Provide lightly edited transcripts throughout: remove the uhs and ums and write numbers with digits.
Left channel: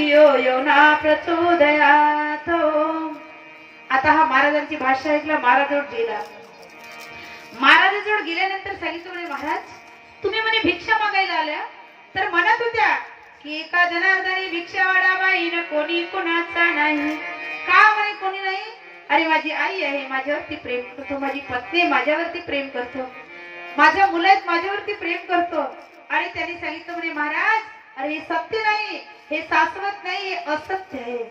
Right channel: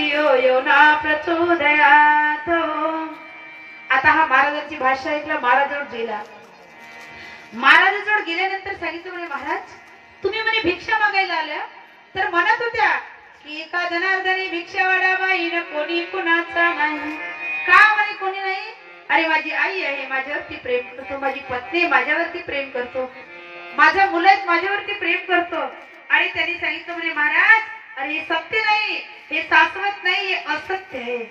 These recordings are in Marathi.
यो यो ना प्रचोदयात. आता हा महाराजांची भाषा ऐकला. महाराजोड गेला. महाराजाजवळ गेल्यानंतर सांगितलं म्हणे महाराज तुम्ही म्हणे भिक्षा मागायला आल्या तर म्हणत होत्या की एका जनार्दनी भिक्षा वाढावाई न कोणी कुणाचा नाही. का म्हणे कोणी नाही. अरे माझी आई आहे माझ्यावरती प्रेम करतो. माझी पत्नी माझ्यावरती प्रेम करतो. माझा मुलं माझ्यावरती प्रेम करतो. आणि त्यांनी सांगितलं म्हणे महाराज अरे हे सत्य नाही हे शाश्वत नाही हे असत्य आहे.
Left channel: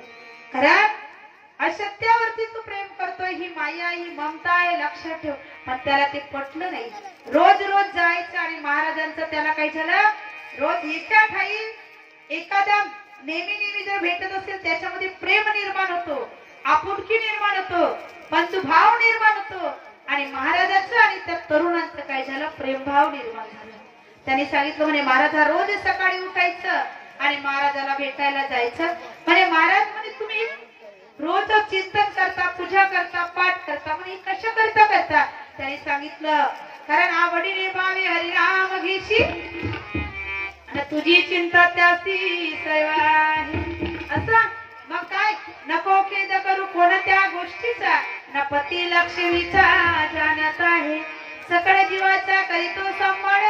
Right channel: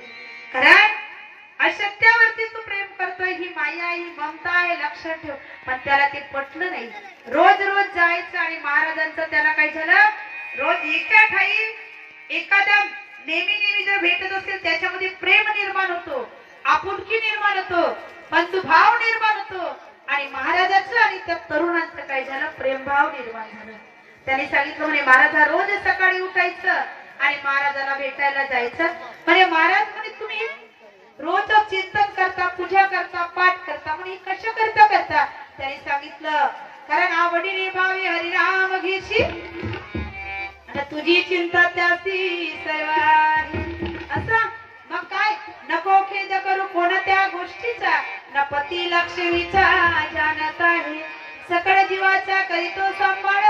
कारण असत्यावरती तू प्रेम करतोय ही माया ही ममता आहे लक्षात ठेव. पण त्याला ते पटलं नाही. रोज रोज जायचं आणि महाराजांचं त्याला काय झालं रोज एका ठाई एखाद्या नेहमी जर भेटत असेल त्याच्यामध्ये प्रेम निर्माण होतो आपुलकी निर्माण होतो बंधुभाव निर्माण होतो. आणि महाराजांचं आणि त्या तरुणांचं काय झालं प्रेमभाव निर्माण झालं. त्यांनी सांगितलं म्हणे महाराजा रोज सकाळी उठायचं आणि महाराजाला भेटायला जायचं. म्हणजे महाराज म्हणे तुम्ही रोज चिंतन करता पूजा करता पाठ करता म्हणे कशा करता. त्यांनी सांगितलं कारण आवडीने भावे हरिराम घेशी तुझी चिंता त्यासी असं. मग काय नको खेद करू कोणत्या गोष्टीचा न पती लक्ष्मीचा जाणत आहे. सकळ जीवाचा करीतो सांभाळ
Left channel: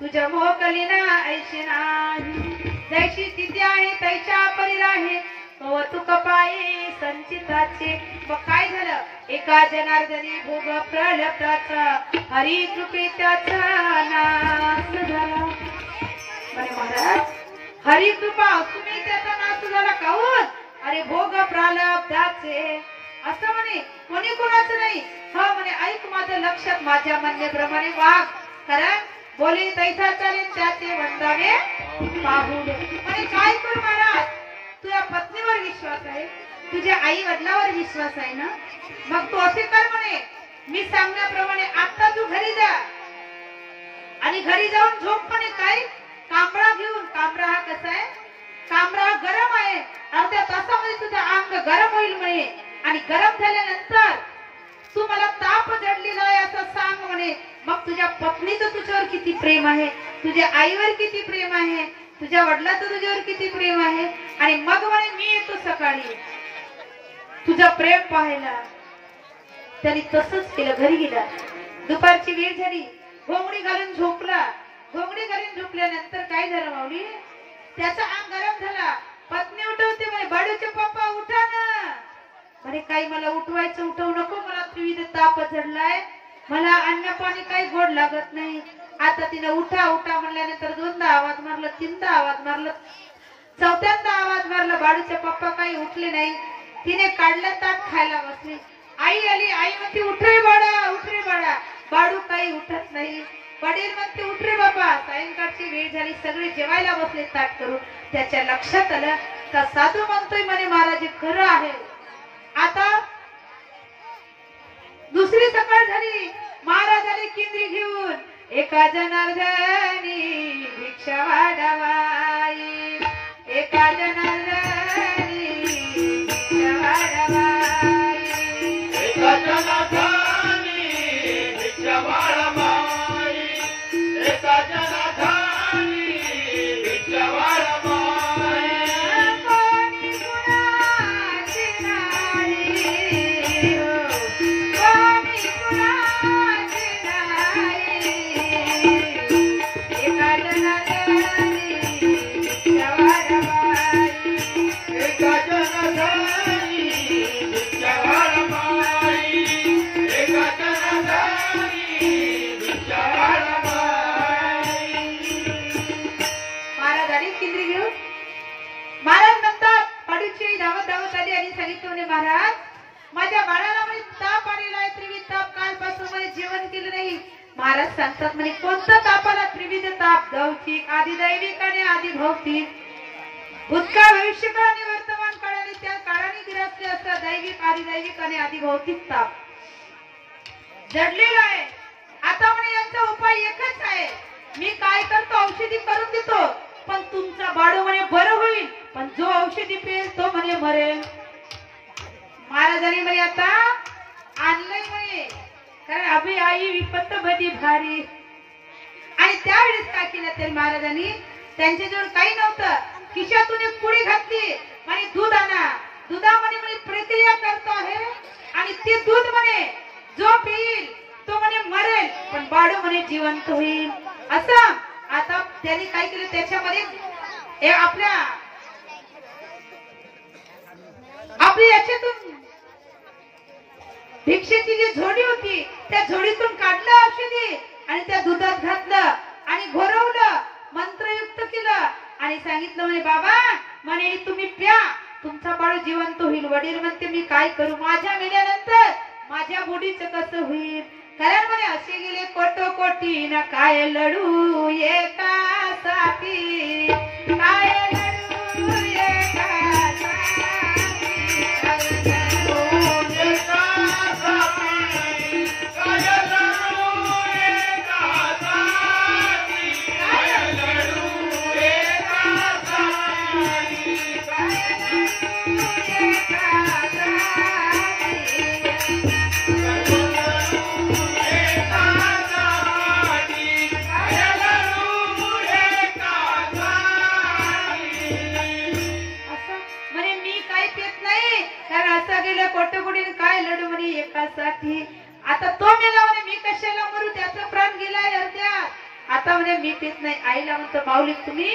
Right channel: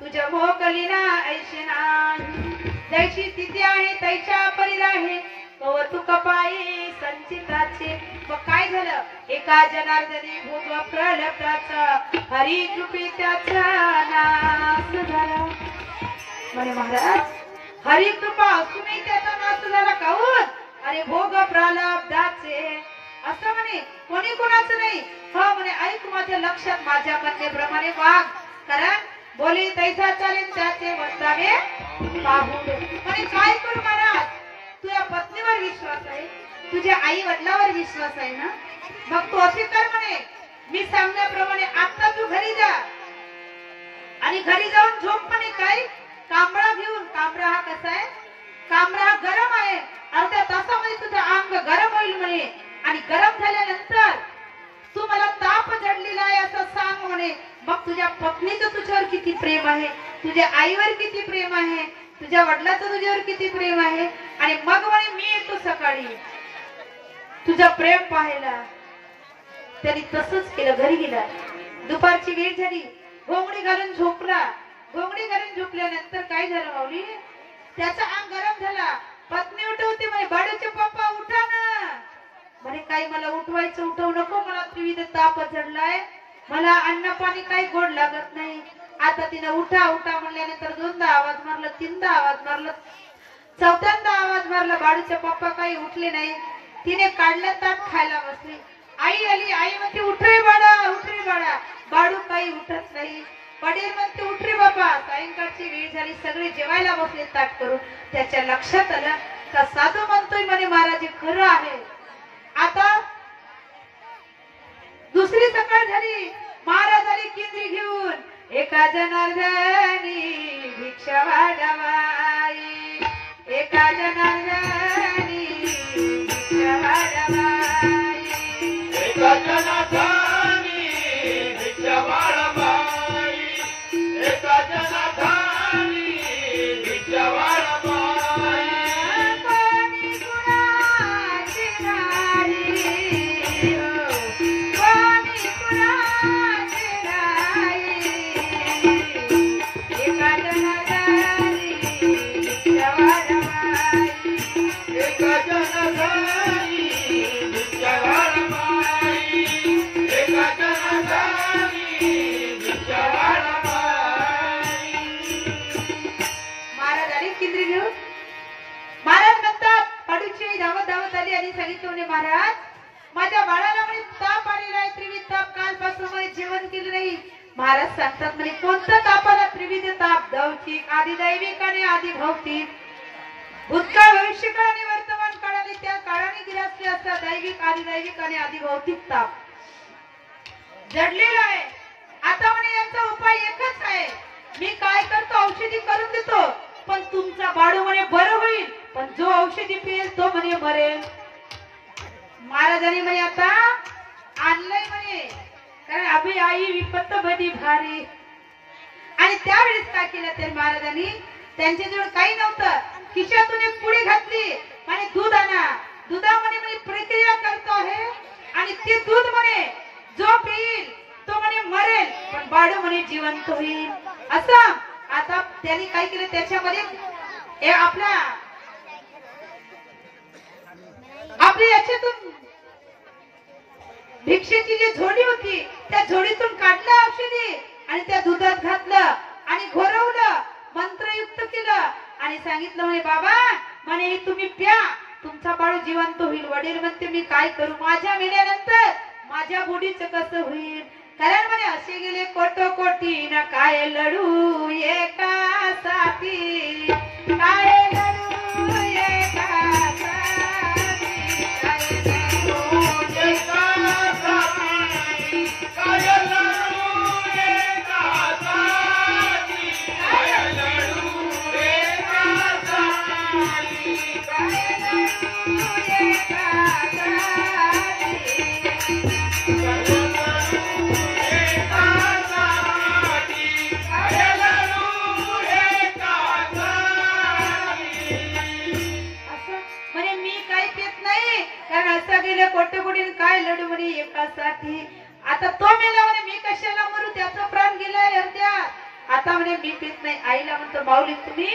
तुझ्या मोकली ना ऐशी नाही. जैशी तिथे आहे तैच्या परी आहे कौतुक पाये संचिताचे. मग काय झालं एका जनार्दनी भोग प्रलब्धाचा हरी कृपे त्याचा नाश झाला. म्हणे महाराज हरी कृपा तुम्ही त्याचा नाश झाला काहून. अरे भोग प्रलब्धाचे असं म्हणे कोणी कोणाचं नाही. हो म्हणे ऐक माझ्या लक्षात माझ्या म्हणण्याप्रमाणे वाघ कारण बोली तैसा चालेल त्याचे म्हणतावे पाहून. म्हणे काय करू महाराज तुझ्या पत्नीवर विश्वास आहे तुझ्या आई वडिलावर विश्वास आहे ना. मग तू असे कर म्हणे मी सांगण्याप्रमाणे आता तू घरी जा आणि घरी जाऊन झोप. म्हणे काय कांबळा घेऊन. कांबळा हा कसा आहे कांबळा हा गरम आहे. अर्ध्या तासामध्ये तुझं अंग गरम होईल म्हणे. आणि गरम झाल्यानंतर तू मला ताप जडलेला आहे असं सांग म्हणे. मग तुझ्या पत्नीचं तुझ्यावर किती प्रेम आहे तुझ्या आईवर किती प्रेम आहे तुझ्या वडिलाचं तुझ्यावर किती प्रेम आहे. आणि मग म्हणे मी येतो सकाळी तुझं प्रेम पाहायला. त्यांनी तसंच केलं. घरी गेला. दुपारची वेळ झाली. घोंगडी घालून झोपला. घोंगडी घालून झोपल्यानंतर काय झालं माऊली त्याचा अंग गरम झाला. पत्नी उठवते म्हणे बाळूचे पप्पा उठा ना. म्हणे काही मला उठवायचं उठवू नको मला त्रिविध ताप चढलाय मला अन्न पाणी काही गोड लागत नाही. आता तिनं उठा उठा म्हणल्यानंतर दोनदा आवाज मारला तीनदा आवाज मारला चौथ्यांदा आवाज मारला. बाळूचे पप्पा काही उठले नाही. तिने काढलं ताट खायला बसली. आई आली. आई म्हणते उठ रे बाळा. बाळू काही उठत नाही. वडील म्हणते उठ रे बाबा. सायंकाळची वेळ झाली. सगळे जेवायला बसले ताट करून. त्याच्या लक्षात आलं का साधू म्हणतोय म्हणे महाराज खरं आहे. आता दुसरी सकाळ झाली. महाराज आले किंद्री घेऊन. एका जनार्दनी भिक्षा वाढवाई एका जनार्दनी भिक्षा वाढवाई एका जनार्दनी भिक्षा वाढवाई एका जनार्दनी भिक्षा वाढवाई. महाराज माझ्या बाळाला म्हणे ताप आलेला आहे त्रिविध ताप कालपासून म्हणे जेवण केलं नाही. महाराज सांगतात म्हणे कोणता ताप आला त्रिविध ताप लौकिक आधी दैविक आणि आधी भौतिक. भूतकाळ भविष्यकाळ आणि वर्तमान काळाने त्या काळाने गिरसले असतात. दैविक आधी दैविक आणि आधी भौतिक ताप जडलेला आहे. आता म्हणे यांचा उपाय एकच आहे. मी काय करतो औषधी करून देतो पण तुमचा बाळू म्हणे बरं होईल पण जो औषधी पिळेल तो म्हणे मरेल. महाराजांनी म्हणे आता आणलंय म्हणे कारण अभि आई विपत्त भदी भारी. आणि त्यावेळेस काय केलं ते महाराजांनी त्यांच्याजवळ काही नव्हतं खिशातून एक पुडी घातली म्हणे दूध आणा. दुधामध्ये म्हणे प्रक्रिया करतो आहे आणि ते दूध म्हणे जो पिईल तो म्हणे मरेल पण बाळू म्हणे जिवंत होईल. असं आता त्यांनी काय केलं त्याच्यामध्ये हे आपल्या याच्यातून भिक्षेची जी झोडी होती त्या झोडीतून काढलं औषधी आणि त्या दुधात घातलं आणि घोरवलं मंत्रयुक्त केलं आणि सांगितलं म्हणे बाबा म्हणे तुम्ही प्या तुमचा बाळ जिवंत होईल. वडील म्हणते मी काय करू माझ्या मेल्यानंतर माझ्या बुडीचं कसं होईल. कारण म्हणे असे गेले कोटोकोटी ना काय लढू एकासाठी काय लढू एकासाठी कोटकुडीन काय लढू म्हणे एकासाठी. आता तो मेला म्हणे मी कशाला मरू त्याचा प्राण गेलाय अर्ध्यात. आता म्हणे मी पित नाही. आईला म्हणतो बावली तुम्ही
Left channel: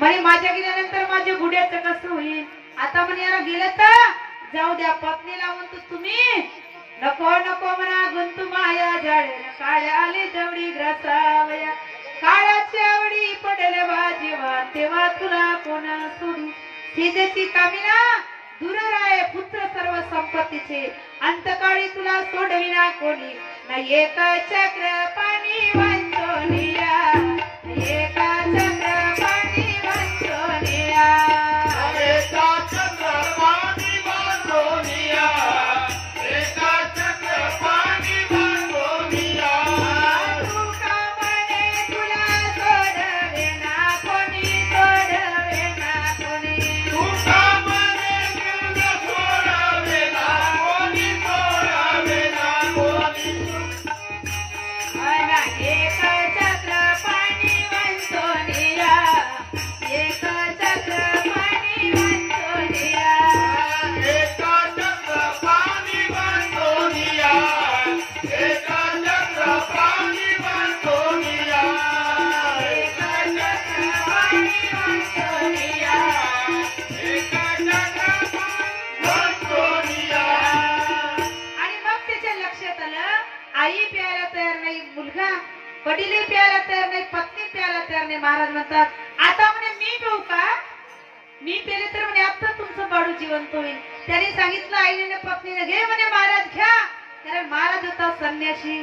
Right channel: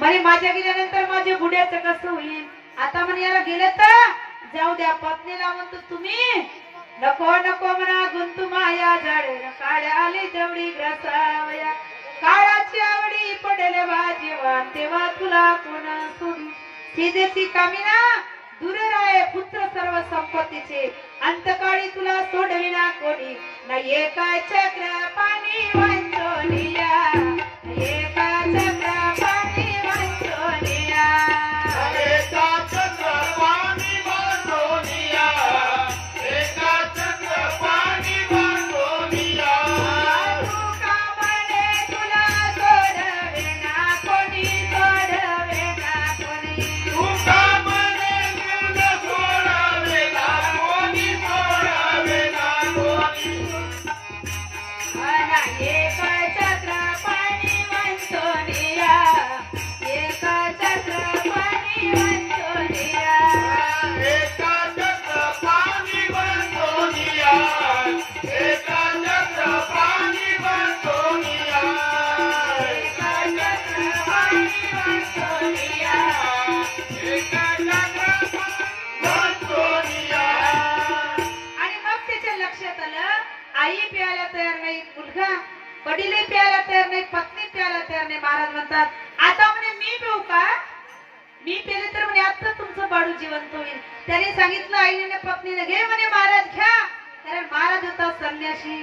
म्हणे माझ्या गेल्यानंतर माझ्या बुड्याचं कसं होईल. आता म्हणे याला गेलं तर जाऊ द्या. पत्नीला म्हणतो तुम्ही नको नको म्हणा गुंतू माया झाडे काळ्या आली जवळी ग्रसावया काळाची आवडी पडेल वाजेवा तेव्हा तुला कोणा सोडी. सीतेची कामिना दूर राहे पुत्र सर्व संपत्तीचे अंतकाळी तुला सोडविना कोणी. नाही एका चक्र पाणी वाचोनिया एका चक्र पाणी वाचोनिया एका चक्र पाणी वाचोनिया एका चक्र पाणी वाचोनिया. तुका म्हणे तुला सोडविना कोणी सोडविना कोणी. तुका आई प्यायला तयार नाही मुलगा वडीलही प्यायला तयार नाही पत्नी प्यायला तयार नाही. महाराज म्हणतात आता म्हणे मी पिऊ का. मी पेले तर म्हणे आता तुमचं बाळू जिवंत होईल. त्याने सांगितलं आईने पत्नीने घे म्हणे महाराज घ्या. कारण महाराज होता संन्यासी.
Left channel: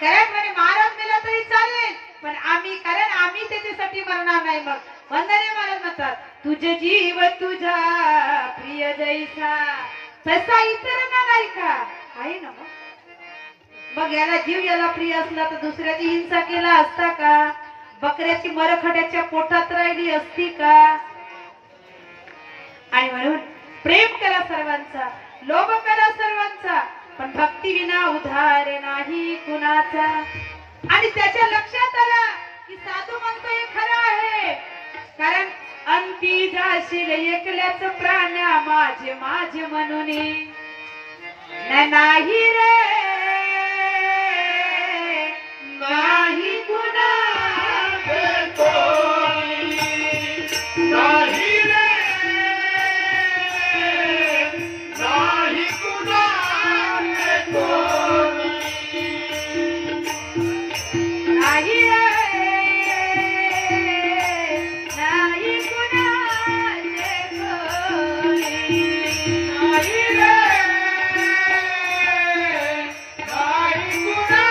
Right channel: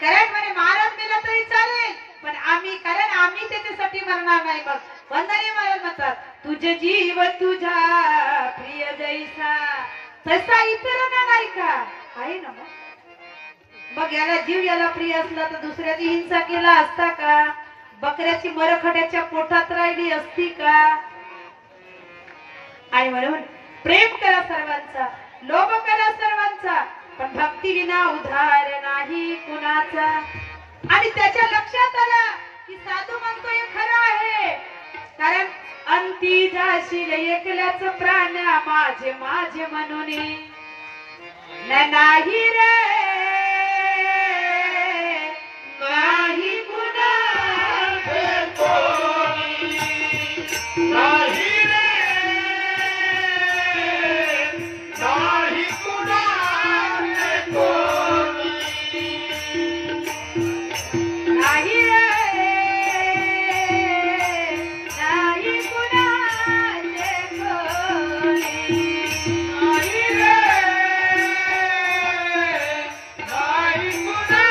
कारण म्हणे महाराज मेला तरी चालेल पण आम्ही कारण आम्ही त्याच्यासाठी मरणार नाही. मग वंदने महाराज म्हणतात तुझे जीव तुझा प्रिय जैसा तसा इतरांना नाही का आहे ना. मग याला जीव याला प्रिय असला तर दुसऱ्याची हिंसा केला असता का. बकऱ्याची मरखड्याच्या पोटात राहिली असती का. आणि म्हणून प्रेम करा सर्वांचा लोभ करा सर्वांचा पण भक्ती विना उधार नाही कुणाचा. आणि त्याच्या लक्षात आलं की साधू म्हणतो हे खरं आहे. कारण अंती जाशील एकल्याच प्राण माझे माझे म्हणून नाही रे नाही कुणा नाही रे नाही कुणा नाही रे नाही कुणा नाही रे नाही कुणा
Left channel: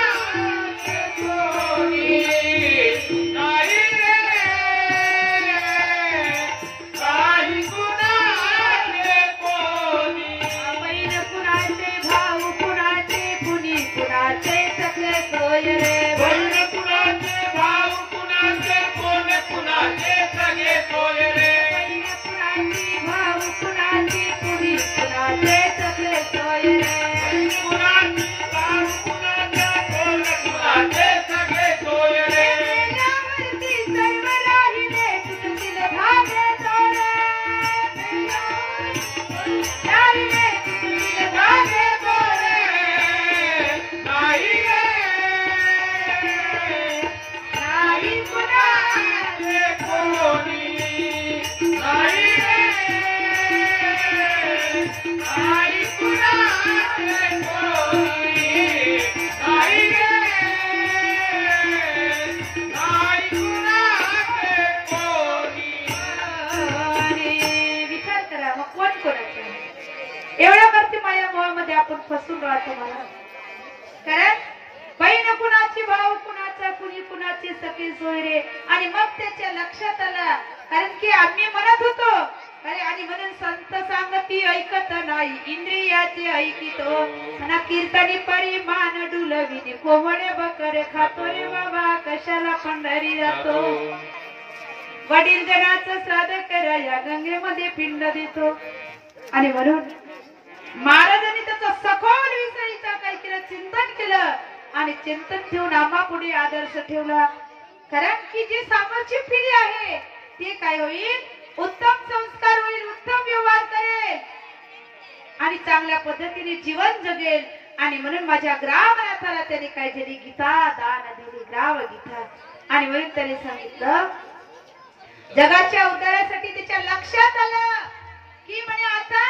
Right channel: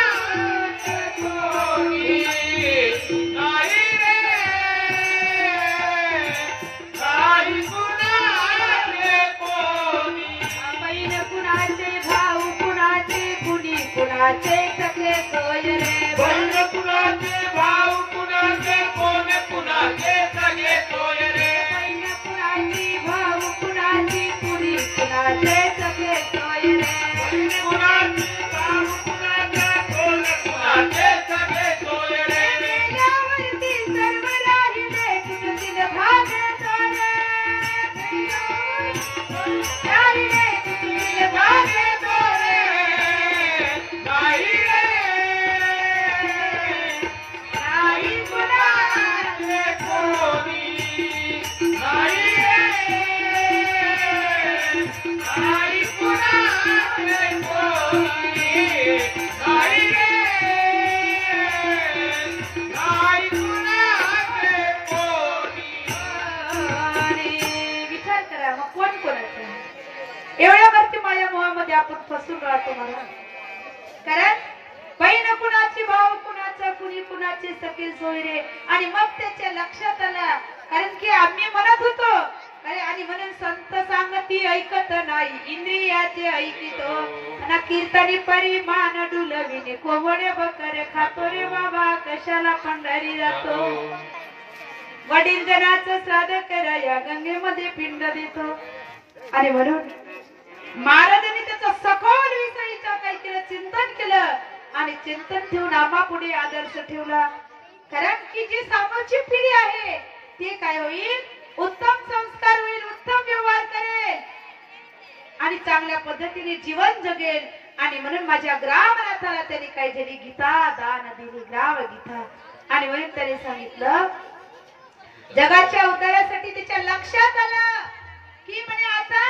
नाही कुणाचे कोणी नाही रे नाही कुणाचे कोणी आणि विचार करा मग कोण कोणाचं एवढ्या वरती माया मोहामध्ये आपण फसून राहतो मला कारण बहीण कुणाची भाऊ कुणाचा कुणी कुणाची सखी सोयरे आणि मग त्याच्या लक्षात आलं कारण की आम्ही म्हणत होतो अरे आणि म्हणून संत सांगती ऐकत नाही इंद्रियाचे ऐकितो ना कीर्तनी परिमाण डुलविने कोहणे बकर खातो रे बाबा कशाला पंढरी जातो वडील जनाचं श्राद्ध करा या गंगेमध्ये पिंड देतो आणि म्हणून महाराजांनी त्याचं सखोल विषयीचं काही केलं चिंतन केलं आणि चिंतन ठेवून आम्हापुढे आदर्श ठेवला कारण की जी समोरची पिढी आहे ती काय होईल उत्तम संस्कार होईल उत्तम व्यवहार करेल आणि चांगल्या पद्धतीने जीवन जगेल आणि म्हणून माझ्या ग्रामनाथाला त्यांनी काय दिली गीता दान दिली ग्राम गीता आणि म्हणून त्याने सांगितलं जगाच्या उद्धारासाठी त्याच्या लक्षात आलं की म्हणे आता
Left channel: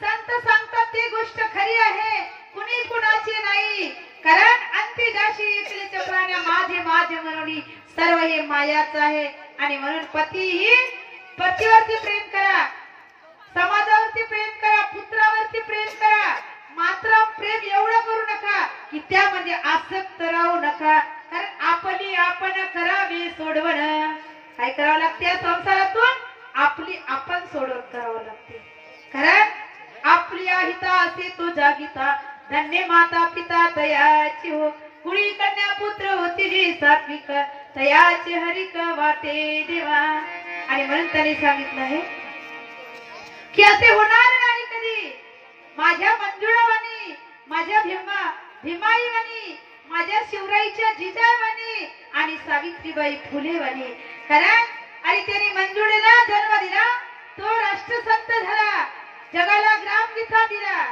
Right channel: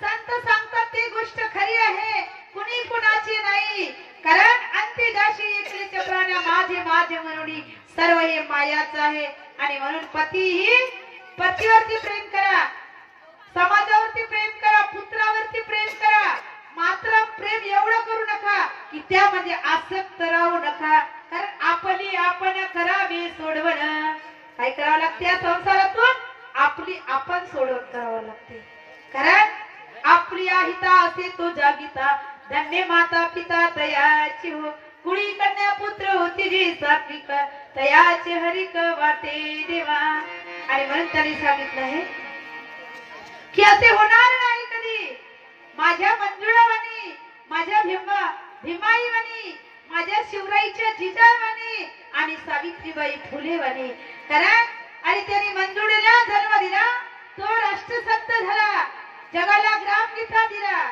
संत सांगतात ती गोष्ट खरी आहे कुणी कुणाची नाही कारण अंती जाशी एकलीच्या प्राण्या माझे माझे म्हणून सर्व हे मायाच आहे आणि म्हणून पतीही पतीवरती प्रेम करा समाजावरती प्रेम करा पुत्रावरती प्रेम करा मात्र प्रेम एवढं करू नका की त्यामध्ये आसक्त राहू नका कारण आपली आपण करावी सोडवणं काय करावं लागते या संसारातून आपली आपण सोडवण करावं लागते कारण आपली आहिता असे तो जागिता धन्य माता पिता तयाची हो कुळी कन्या पुत्र होती जी सात्विक तयाचे हरिक वाटे देवा आणि म्हणून त्यांनी सांगितलं आहे की असे होणार नाही कधी माझ्या मंजुळावाणी माझ्या भीमाईवाणी माझ्या शिवराईच्या जिजावाणी आणि सावित्रीबाई फुलेवाणी कारण आणि त्यांनी मंजुळेला जन्म दिला तो राष्ट्रसंत झाला जगाला ग्रामगीता दिला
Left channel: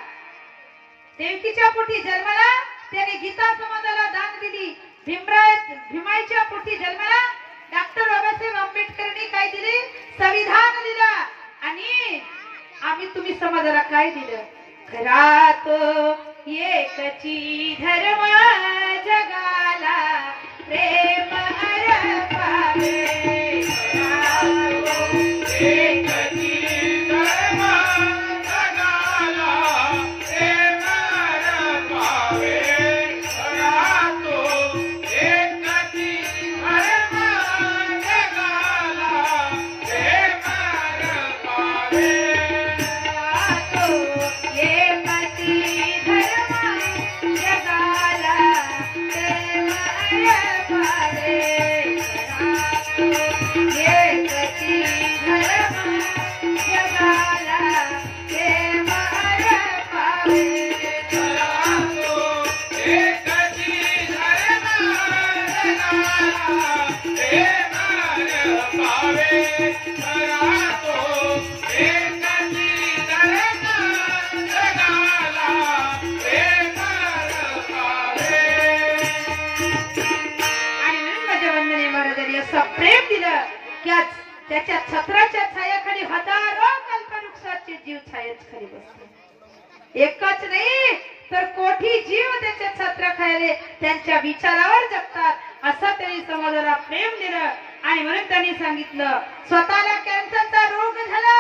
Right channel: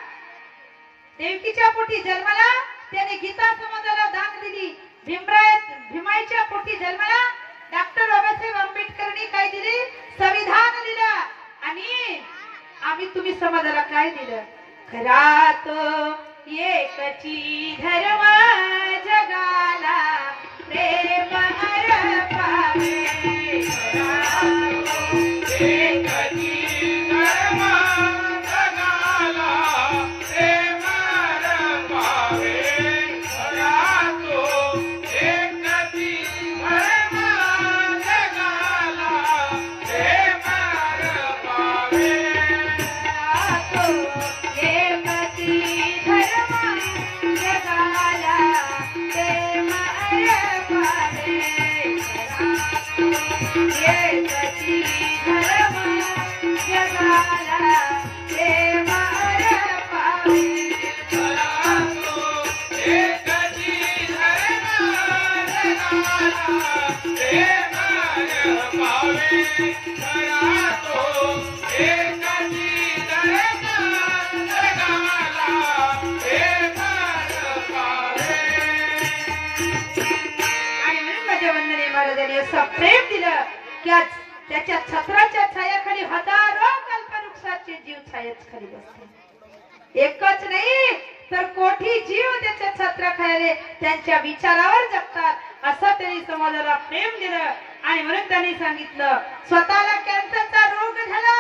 देवकीच्या पोटी जन्माला त्याने गीता समाजाला दान दिली भीमाईच्या पोटी जन्माला डॉक्टर बाबासाहेब आंबेडकरांनी काय दिली संविधान दिला आणि आम्ही तुम्ही समाजाला काय दिलं खरा तो एकची धर्म जगाला प्रेम अर्पावे प्रेम दिलं की त्याच्या छत्राच्या छायाखाली हजारो कल्पवृक्षाचे जीव छायेखाली बसले एकच नाही तर कोटी जीव त्याच्या छत्राखाली त्यांच्या विचारावर जगतात असं त्यांनी समाजाला प्रेम दिलं आणि म्हणून त्यांनी सांगितलं स्वतःला कॅन्सरचा रोग झाला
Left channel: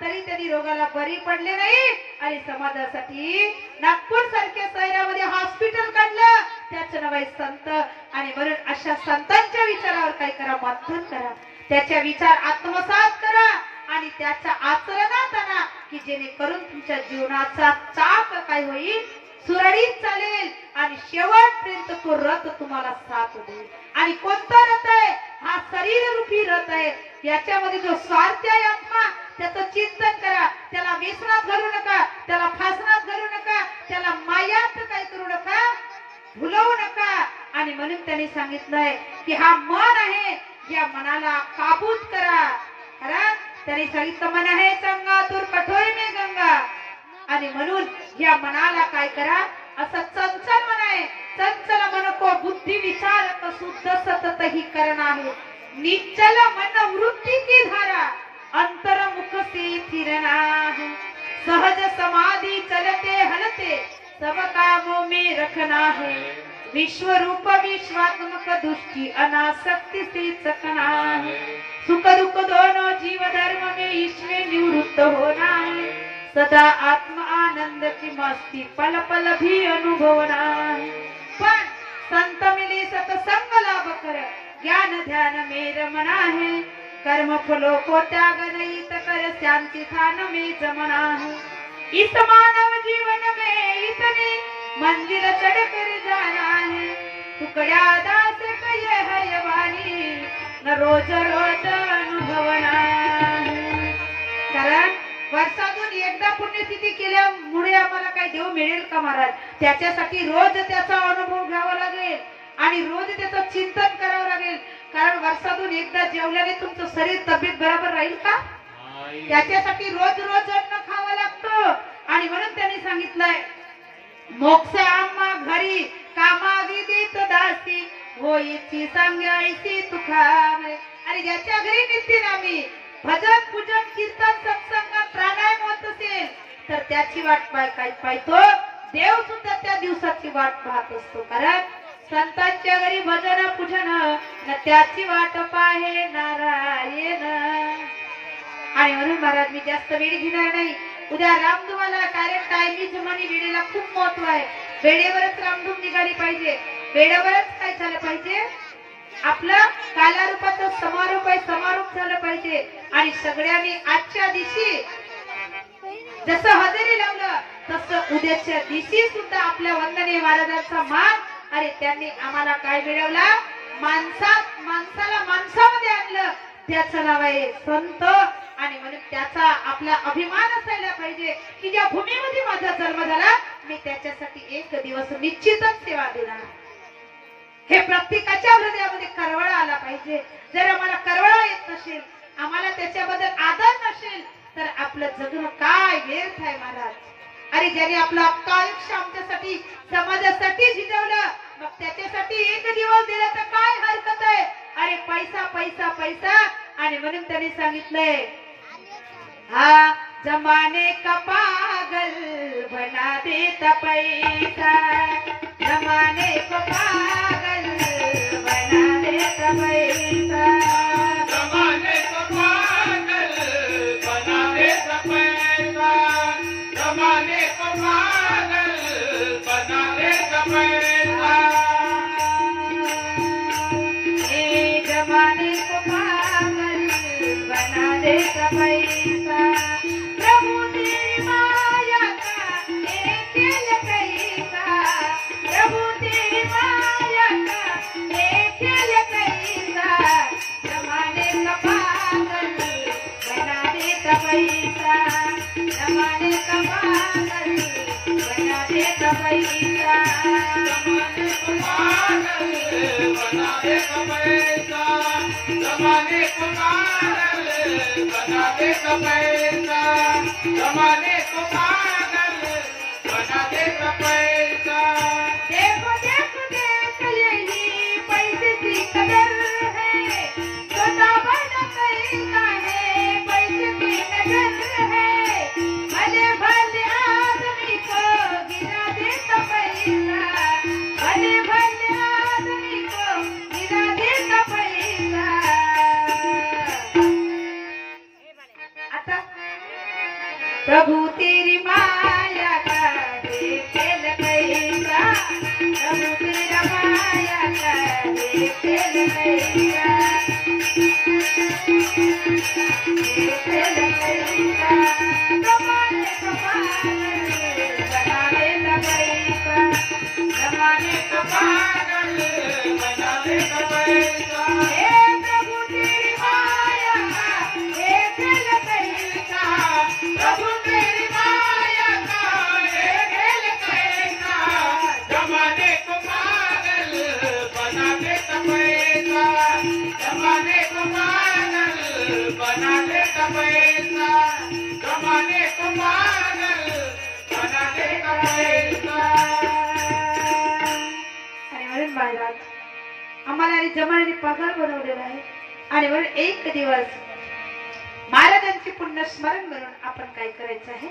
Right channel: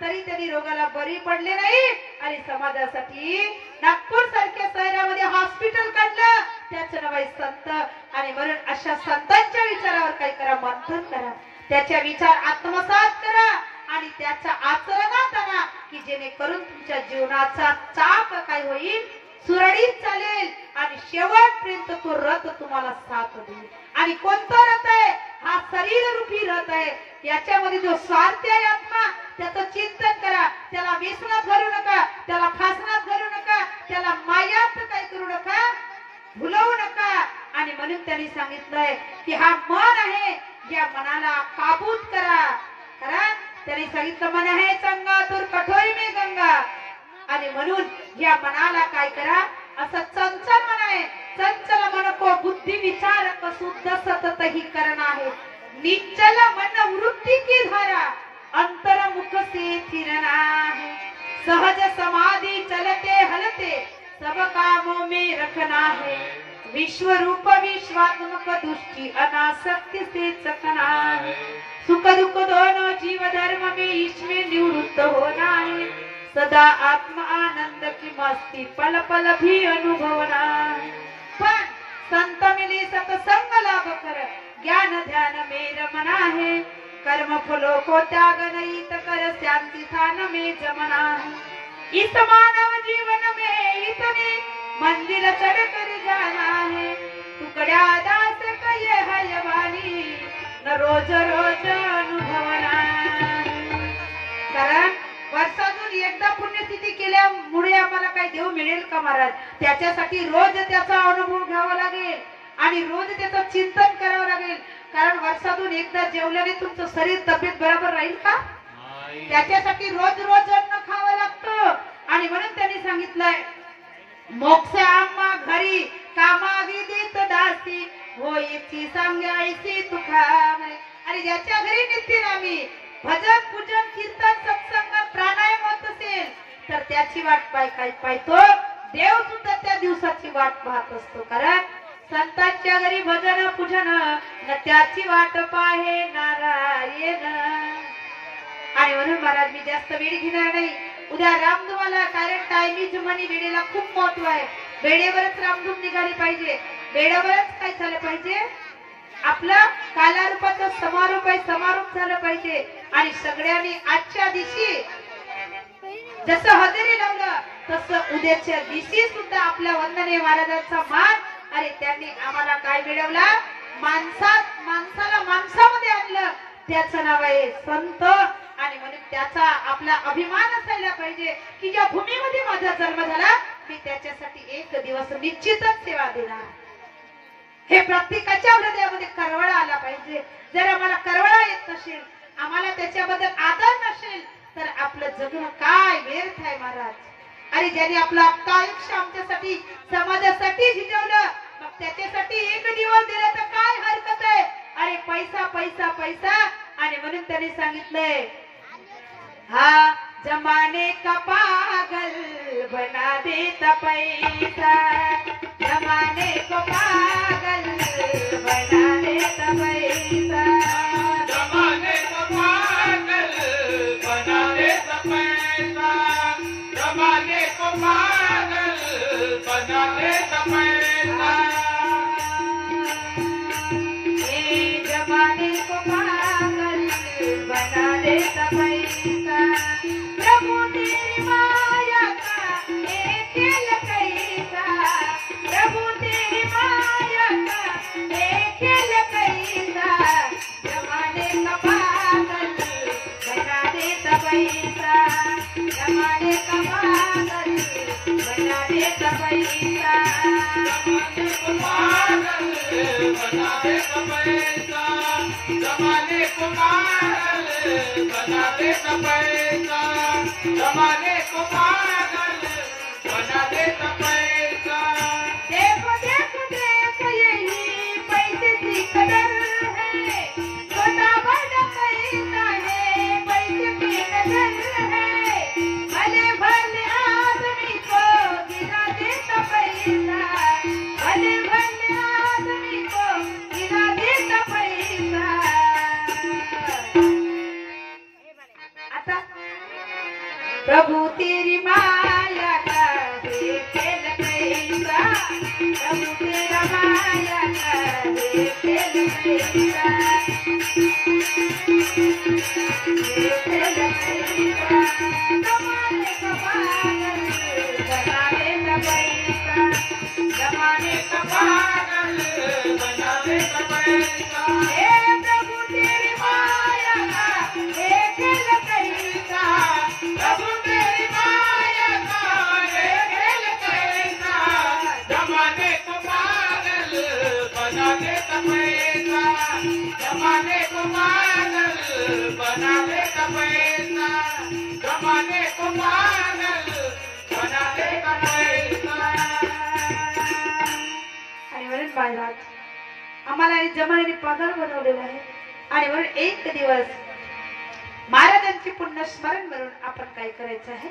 तरी त्यांनी रोगाला बरी पडले नाही आणि समाजासाठी नागपूर सारख्या शहरामध्ये हॉस्पिटल काढलं त्याचं नाव आहे संत आणि म्हणून अशा संतांच्या विचारावर काय करा मंथन करा त्याच्या विचार आत्मसात करा आणि त्याच्या आचरणात आणा की जेणेकरून तुमच्या जीवनाचा चाप काय होईल सुरळीत चालेल आणि शेवटपर्यंत तो रथ तुम्हाला साथ देईल आणि कोणता रथ आहे हा शरीर रूपी रथ आहे याच्यामध्ये जो स्वार्थ आहे आत्मा त्याचं चिंतन करा त्याला व्यसनात घालू नका त्याला फासनात घालू नका त्याला मायात काय करू नका भुलवू नका आणि म्हणून त्यांनी सांगितलंय की हा मन आहे या मनाला काबूत करा कारण त्यांनी सांगितलं मन आहे गंगा तर कठोर में गंगा आणि म्हणून या मनाला काय करा असं चंचल मन आहे चंचल मन को बुद्धी विचार शुद्ध सतत ही करण आहे निश्चल मन वृत्ती की धारा अंतर्मुख से फिरना है सहज समाधि चलते हलते सब कामों में रखना है, विश्व रूप विश्वात्मक दृष्टि अनासक्ति से चखना है, सुख दुख दोनों जीव धर्म में इसमें निवृत्त होना है, सदा आत्म आनंद की मस्ती पल पल भी अनुभवना है। पण संत मिली सत्संग लाभ कर ज्ञान ध्यान में रमना है, कर्म फलों को त्याग नहीं कर शांति स्थान में जमना है। इस मानव जीवन में इतने मंजिल चढ़ कर जाना है, टुकड़ा दास कहे है वाणी न रोज रोज अनुभवना है। कारण वर्षातून एकदा पुण्यतिथी केल्यामुळे आम्हाला काही देव मिळेल का महाराज? त्याच्यासाठी रोज त्याचा अनुभव घ्यावा लागेल आणि रोज त्याचं चिंतन करावं लागेल। कारण वर्षातून एकदा जेवल्याने तुमचं शरीर तब्येत बरोबर राहील का? त्याच्यासाठी रोज रोज अन्न खावं लागतं आणि म्हणून त्यांनी सांगितलंय मोक्ष आम्हा घरी कामाविधीत दासी होईची सांगायची तुखामे। आणि ज्याच्या घरी नित्यनामी भजन पूजन कीर्तन सत्संग प्राणायाम होत असेल तर त्याची वाट पाहतो देव सुद्धा त्या दिवसाची वाट पाहत असतो। कारण संतांच्या घरी भजन पूजन न त्याची वाट पाहे नारायण। आणि म्हणून महाराज मी जास्त वेळ घेणार नाही, उद्या रामधुमाला, कारण टायमिंग म्हणे वेळेला खूप महत्व आहे। वेळेवरच रामधूम निघाली पाहिजे, वेळेवरच काय झालं पाहिजे, आपलं कालारूपाचं समारोप झालं पाहिजे। आणि सगळ्यांनी आजच्या दिवशी जसं हजेरी लावलं तसं उद्याच्या दिवशी सुद्धा आपल्या वंदनीय महाराजांचा मान, आणि त्यांनी आम्हाला काय मिळवला, माणसाला माणसामध्ये आणलं, त्याचं नाव आहे संत। आणि म्हणून त्याचा आपला अभिमान असायला पाहिजे की ज्या भूमीमध्ये माझा जन्म झाला मी त्याच्यासाठी एक दिवस निश्चितच सेवा देणार। हे प्रत्येकाच्या हृदयामध्ये करवळा आला पाहिजे। जर आम्हाला करवळा येत नसेल, आम्हाला त्याच्याबद्दल आदर नसेल तर आपलं जगणं काय व्यर्थ आहे महाराज। अरे ज्याने आपलं अख्खं आयुष्य आमच्यासाठी समाजासाठी झिजवलं, मग त्याच्यासाठी एक दिवस दिला तर काय हरकत आहे? अरे पैसा पैसा पैसा। आणि म्हणून त्यांनी सांगितलंय हा जमाने का पागल बना देता पैसा, जमाने को पागल बना देता पैसा, जमाने को पागल बना देता पैसा, जमाने को पागल बना देता पैसा, ये जमाने को पागल बना देता पैसा, प्रभु तेरी माया का एक खेल कैसा, प्रभु तेरी माया का एक खेल कैसा, जमाने का पागल बना देता पैसा, जमाने का पागल बना देता पैसा, जमाने को पागल बना देता पैसा, जमाने को पागल बना देता पैसा, जमाने को पागल बना देता पैसा। देखो देखो देख यही पैसे की कदर है, छोटा बड़ा पैसा है, पैसे की नजर है, भले भले आदमी को गिरा देता पैसा, भले भले आदमी को गिरा देता पैसा। आता प्रभु तेरी माया का है खेल कैसा, प्रभु तेरा माया का है खेल कैसा, ये खेल कैसा, जमाने का पागल बना देता पैसा, जमाने का पागल बना देता पैसा, हे प्रभु तेरी माया का है खेल कैसा, प्रभु तेरी माया का है खेल कैसा, जमाने को पागल बना देता पैसा, जमाने को पागल बना देता पैसा, जमाने को पागल बना देता पैसा। आणि म्हणून महाराज आम्हाला आणि जमाने पागल बनवलेलं आहे। आणि म्हणून एक दिवस महाराजांची पुण्य स्मरण करून आपण काय करायचं आहे,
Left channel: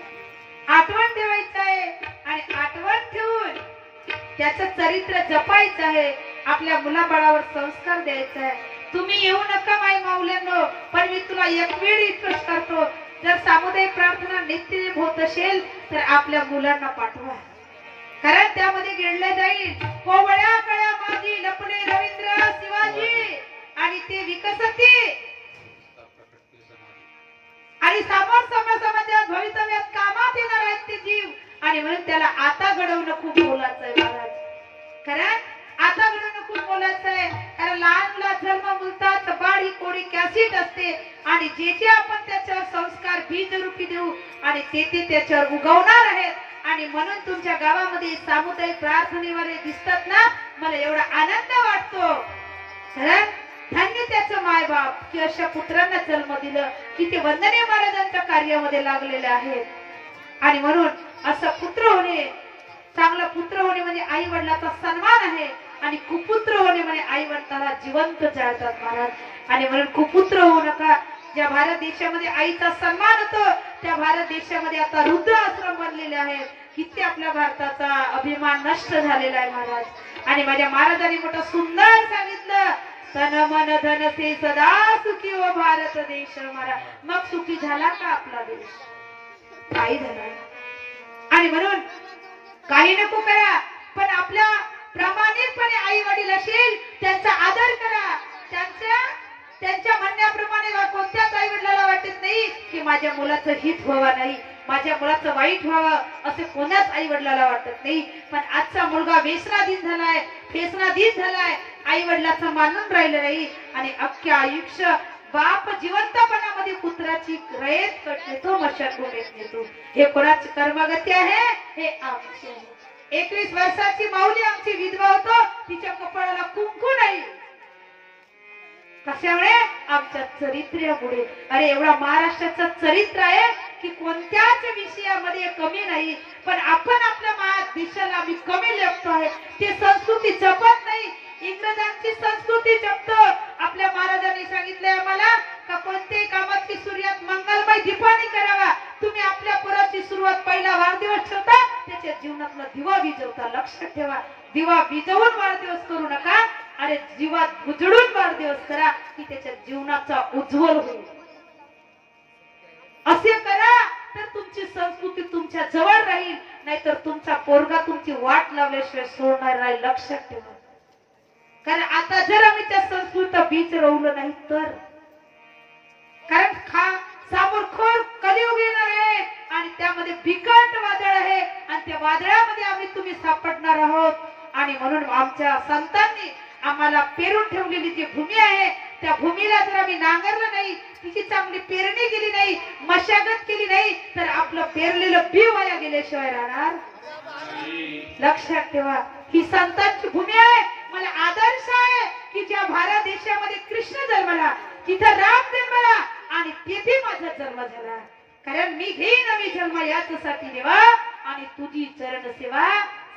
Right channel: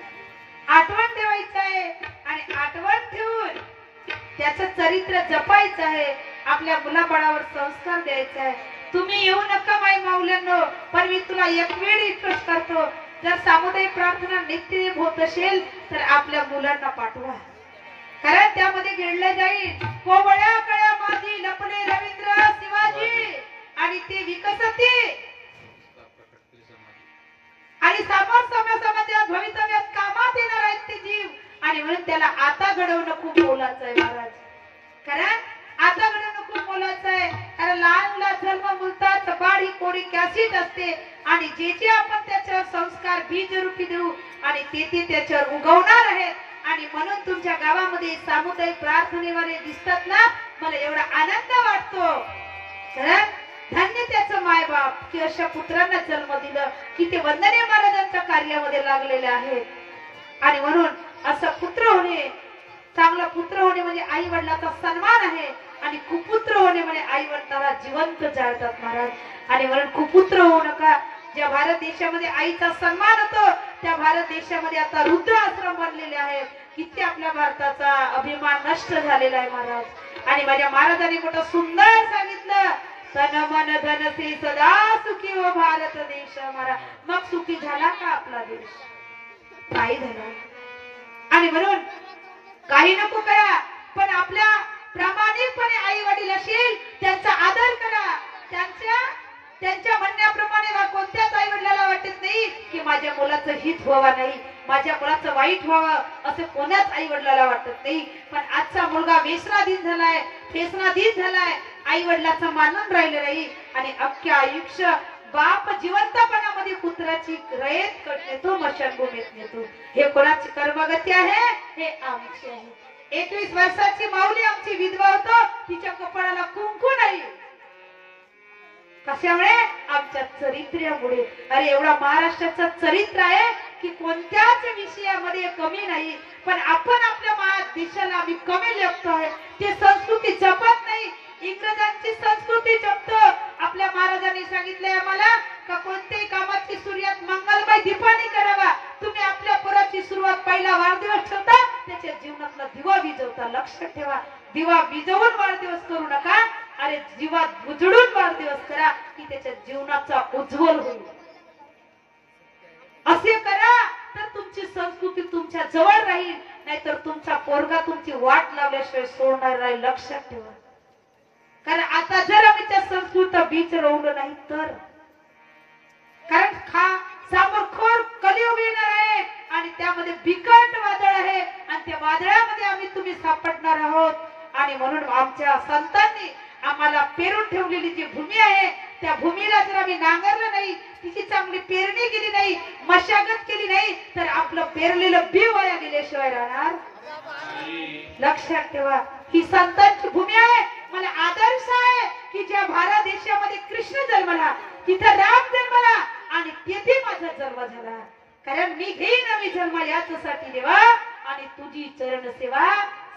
आठवण ठेवायचं आहे आणि आठवण ठेवून त्याचं चरित्र जपायचं आहे. आपल्या मुलाबाळावर संस्कार द्यायचा आहे. तुम्ही येऊ नका माई माऊल्यांनो, पण मी तुला एक वेळ रिक्वेस्ट करतो, जर सामुदायिक प्रार्थना नित्य होत असेल तर आपल्या मुलांना पाठवा, कारण त्यामध्ये गिळलं जाईल कोवळ्या कळ्या माझी लपणे रवींद्र शिवाजी आणि ते विकसती आणि समोर समाजात भवितव्यात कामात येणार आहेत ते जीव. आणि म्हणून त्याला आता घडवणं खूप मोलाचं आहे महाराज, कारण आता घडवणं खूप मोलाचं आहे. कारण लहान मुला जन्म बोलतात बाळ ही कोडी कॅसीट असते आणि जे जे आपण त्याच्यावर संस्कार बीज रूपी देऊ आणि ते त्याच्यावर उगवणार आहेत. आणि म्हणून तुमच्या गावामध्ये सामुदायिक प्रार्थनेवाले दिसतात ना, मला एवढा आनंद वाटतो. कारण धन्य त्याचं मायबाप की अशा पुत्रांना जन्म दिलं की ते वंदनीय महाराजांच्या कार्यामध्ये लागलेले आहेत. आणि म्हणून असं पुत्र होणे, चांगला पुत्र होणे म्हणजे आई वडिलांचा सन्मान आहे आणि कुपुत्र होणे म्हणजे आई वडिलांना जिवंत जाळतात महाराज. आणि म्हणून कुपुत्र होऊ नका. ज्या भारत देशामध्ये आईचा सन्मान होतो त्या भारत देशामध्ये आता रुद्र आश्रम बनलेले आहेत. किती आपल्या भारताचा अभिमान नष्ट झालेला आहे महाराज. आणि माझ्या महाराजांनी मोठं सुंदर सांगितलं, तन मन धन से सदा सुखी व भारत देश हमारा. मग सुखी झाला का आपला देश? काही झाला. आणि म्हणून काही नको करा, पण आपल्या प्रामाणिकपणे आई वडील असेल त्यांचा आदर करा. त्यांच्या म्हणण्याप्रमाणे कोणत्याच आई वडिलाला वाटत नाही की माझ्या मुलाचं हित व्हावं नाही, माझ्या मुलाचं वाईट व्हावं, असं कोणाच आई वडिलाला वाटत नाही. पण आजचा मुलगा व्यसनाधीन झालाय, फेसनाधीन झालाय, आई वडिलाचं मानून राहिलं नाही आणि अख्ख्या आयुष्य बाप जिवंतपणामध्ये पुत्राची रयत नेतो, मशानभूमीत नेतो. हे कोणाची कर्मगती आहे? हे आमची आहे. 21 वर्षाची माऊली आमची विधवा होतो, तिच्या कपाळाला कुंकू नाही. कशामुळे? आमच्या चरित्र्यामुळे. अरे एवढा महाराष्ट्राचं चरित्र आहे की कोणत्याच विषयामध्ये कमी नाही, पण आपण आपल्या देशाला आम्ही कमी लेखतो आहे. ती संस्कृती जपत नाही, इंग्रजांची संस्कृती जपतो. आपल्या महाराजांनी सांगितलंय आम्हाला का कोणत्याही कामाची सुरुवात मंगलमय दीपाने करावा. तुम्ही आपल्या पोराची सुरुवात पहिला वाढदिवस ठेवता, त्याच्या जीवनातला दिवा विजवता. लक्षात ठेवा, दिवा विजवून वाढदिवस करू नका. अरे जीवात उजळून वाढदिवस करा की त्याच्या जीवनाचा उज्ज्वल होईल. असे करा तर तुमची संस्कृती तुमच्या जवळ राहील, नाहीतर तुमचा पोरगा तुमची वाट लावल्याशिवाय सोडणार नाही. लक्षात ठेवा, कारण आता जर आम्ही त्या संस्कृत बीज रोवलं नाही तर, कारण समोर खोर कलियुग येणार आहे आणि त्यामध्ये बिकट वादळ आहे आणि त्या वादळामध्ये आम्ही तुम्ही सापडणार आहोत. आणि म्हणून आमच्या संतांनी आम्हाला पेरून ठेवलेली जी भूमी आहे त्या भूमीला जर आम्ही नांगरलं नाही, तिची चांगली पेरणी केली नाही, मशागत केली नाही तर आपलं पेरलेलं बी वाया गेल्याशिवाय राहणार. लक्षात ठेवा, ही संतांची भूमी आहे. मला आदर्श आहे की ज्या भारत देशामध्ये कृष्ण जन्मला, तिथं राम जन्मला आणि तेथे माझा जन्म झाला. कारण मी घेईन आम्ही जन्म याच्यासाठी देवा आणि तुझी चरण सेवा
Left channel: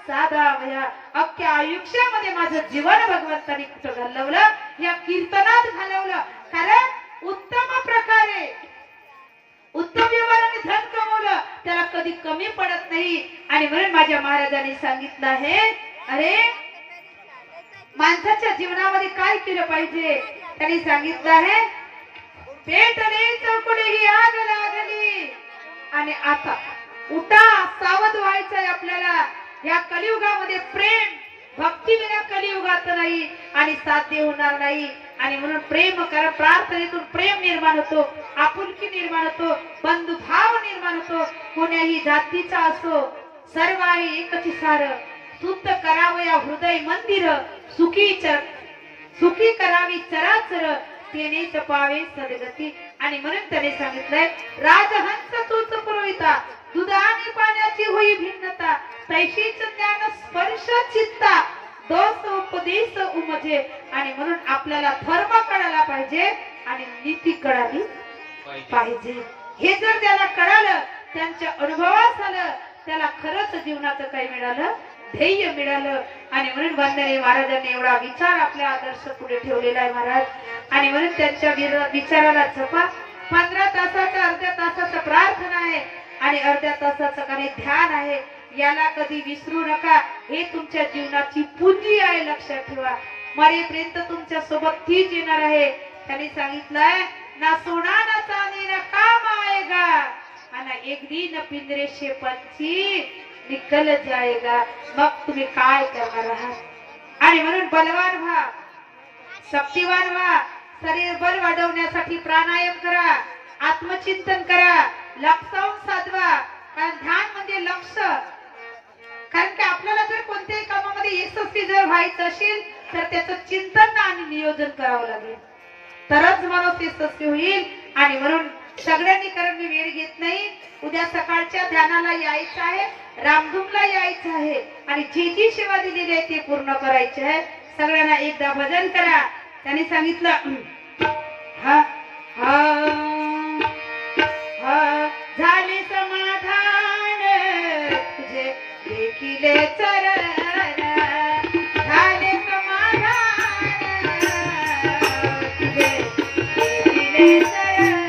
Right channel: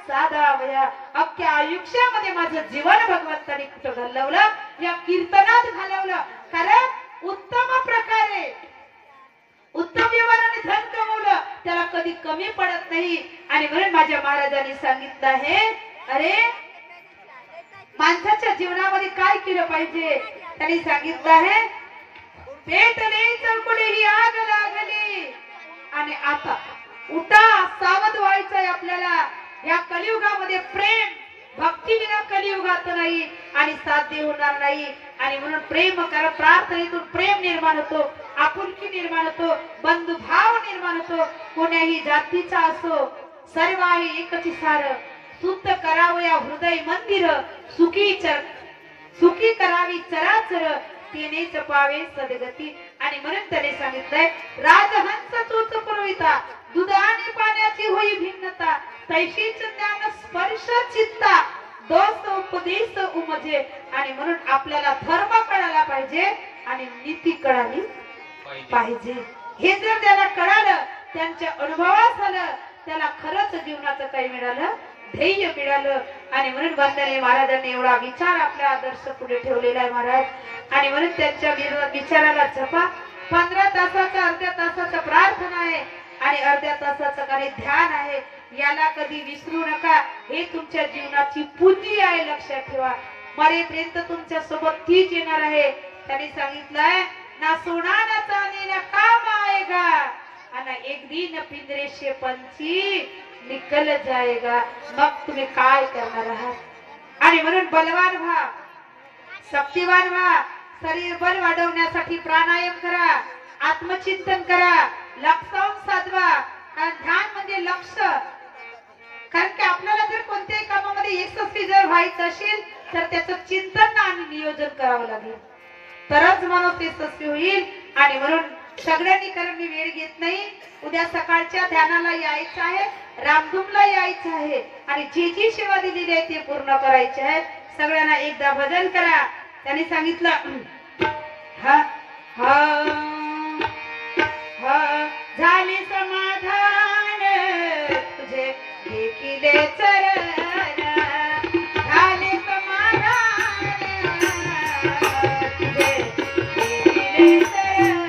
साधा वया. अख्ख्या आयुष्यामध्ये माझं जीवन भगवंतानी कुठं घालवलं? या कीर्तनात घालवलं. कारण उत्तम प्रकारे उत्तम व्यवहाराने धन कमवलं, त्याला कधी कमी पडत नाही. आणि म्हणून माझ्या महाराजांनी सांगितलं आहे, अरे माणसाच्या जीवनामध्ये काय केलं पाहिजे? त्यांनी सांगितलं आहे, पेटले चौकुडी ही आग लागली. आणि आता उठा, सावध व्हायचंय आपल्याला. या कलियुगामध्ये प्रेम भक्ती विना कलियुगात नाही आणि साध्य होणार नाही. आणि म्हणून प्रेम करा, प्रार्थनेतून प्रेम निर्माण होतो, आपुलकी निर्माण होतो, बंधुभाव निर्माण होतो. कोण्याही जातीचा असो, सर्व आहे एकच सार. शुद्ध करावया हृदय मंदिर, सुखी करावी चराचर, तेनेच पावे सदगती. आणि म्हणून त्याने सांगितलंय, राजहंस तूच पुरविता, दूध आणि पाण्याची होई भिन्नता, तैशीच ज्ञान स्पर्श चित्ता, दोष उपदेश उमजे. आणि म्हणून आपल्याला धर्म कळायला पाहिजे आणि नीती कळाली पाहिजे. हे जर त्याला कळालं, त्यांच्या अनुभवात झालं, त्याला खरंच जीवनाचं काही मिळालं, ध्येय मिळालं. आणि म्हणून वंदनीय महाराजांनी एवढा विचार आपल्या आदर्श पुढे ठेवलेला आहे महाराज. आणि म्हणून त्यांच्या विचाराला जपा. 15 तासाचा अर्ध्या तासाचा प्रार्थना आहे आणि आणि अर्ध्या तासाचं काही ध्यान आहे, याला कधी विसरू नका. हे तुमच्या जीवनाची पुंजी आहे, लक्षात ठेवा. मरेपर्यंत तुमच्या सोबत तीच येणार आहे. त्यांनी सांगितलंय ना सोना ना चांदी ना काम आएगा आणि एक दिन पिंजरे से पंछी निकल जाएगा. मग तुम्ही काय करणार आहात? आणि म्हणून बलवान व्हा, शक्तिवान व्हा. शरीर बल वाढवण्यासाठी प्राणायाम करा, आत्मचिंतन करा, लक्षावून साधवा. कारण ध्यान म्हणजे लक्ष. कारण की आपल्याला जर कोणत्याही कामामध्ये यशस्वी जर व्हायचं असेल तर त्याचं चिंतन आणि नियोजन करावं लागेल, तरच माणूस यशस्वी होईल. आणि म्हणून सगळ्यांनी, कारण मी वेळ घेत नाही, उद्या सकाळच्या ध्यानाला यायचं आहे, रामधूमला यायचं आहे आणि जी जी सेवा दिलेली आहे ती पूर्ण करायची आहे. सगळ्यांना एकदा भजन करा. त्यांनी सांगितलं हा हा हा झाले समाधान तुझे देखिले चरण, झाले समाधान तुझे देखिले चरण.